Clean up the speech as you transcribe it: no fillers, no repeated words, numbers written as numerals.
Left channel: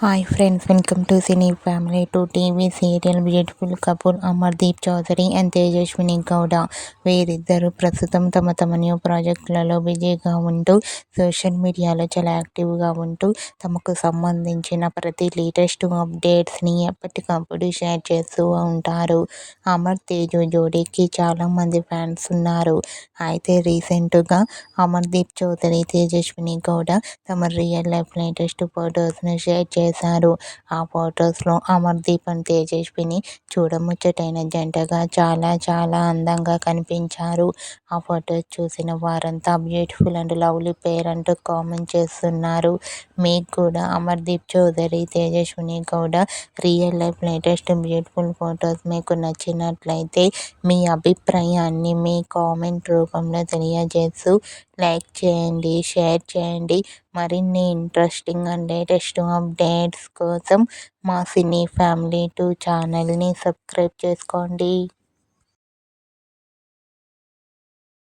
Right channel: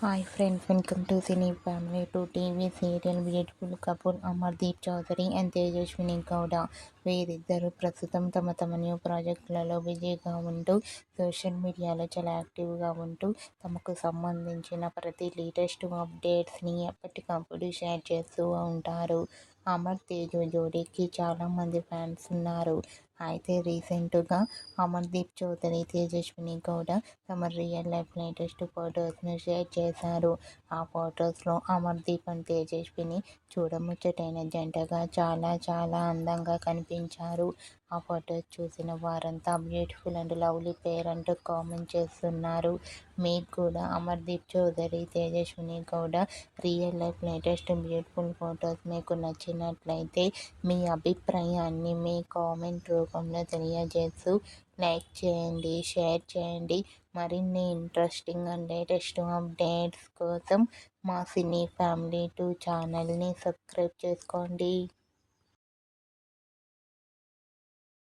Hi friends, welcome to cine family to TV serial beautiful couple Amardeep Chowdary and Tejaswini Gowda. వీరిద్దరూ ప్రస్తుతం తమ తమ న్యూ ప్రాజెక్టులలో బిజీగా ఉంటూ సోషల్ మీడియాలో చాలా యాక్టివ్గా ఉంటూ తమకు సంబంధించిన ప్రతి లేటెస్ట్ అప్డేట్స్ని ఎప్పటికప్పుడు షేర్ చేస్తూ ఉంటారు. అమర్ తేజు జోడీకి చాలామంది ఫ్యాన్స్ ఉన్నారు. అయితే రీసెంట్గా అమర్దీప్ చౌదరి తేజస్విని గౌడ తమ రియల్ లైఫ్ లేటెస్ట్ ఫొటోస్ను షేర్ చేశారు. ఆ ఫొటోస్లో అమర్దీప్ అండ్ తేజస్విని చూడముచ్చటైన జంటగా చాలా చాలా అందంగా కనిపించారు. ఆ ఫొటోస్ చూసిన వారంతా బ్యూటిఫుల్ అండ్ లవ్లీ పేర్ అంటూ కామెంట్ చేస్తున్నారు. మీకు కూడా Amardeep Chowdary Tejaswini Gowda real life latest beautiful photos మీకు నచ్చినట్లయితే మీ అభిప్రాయాన్ని మీ కామెంట్ రూపంలో తెలియజేస్తూ లైక్ చేయండి, షేర్ చేయండి. మరిన్ని ఇంట్రెస్టింగ్ అండ్ లేటెస్ట్ అప్డేట్స్ కోసం మా సినీ ఫ్యామిలీ 2 ఛానల్ని సబ్స్క్రైబ్ చేసుకోండి.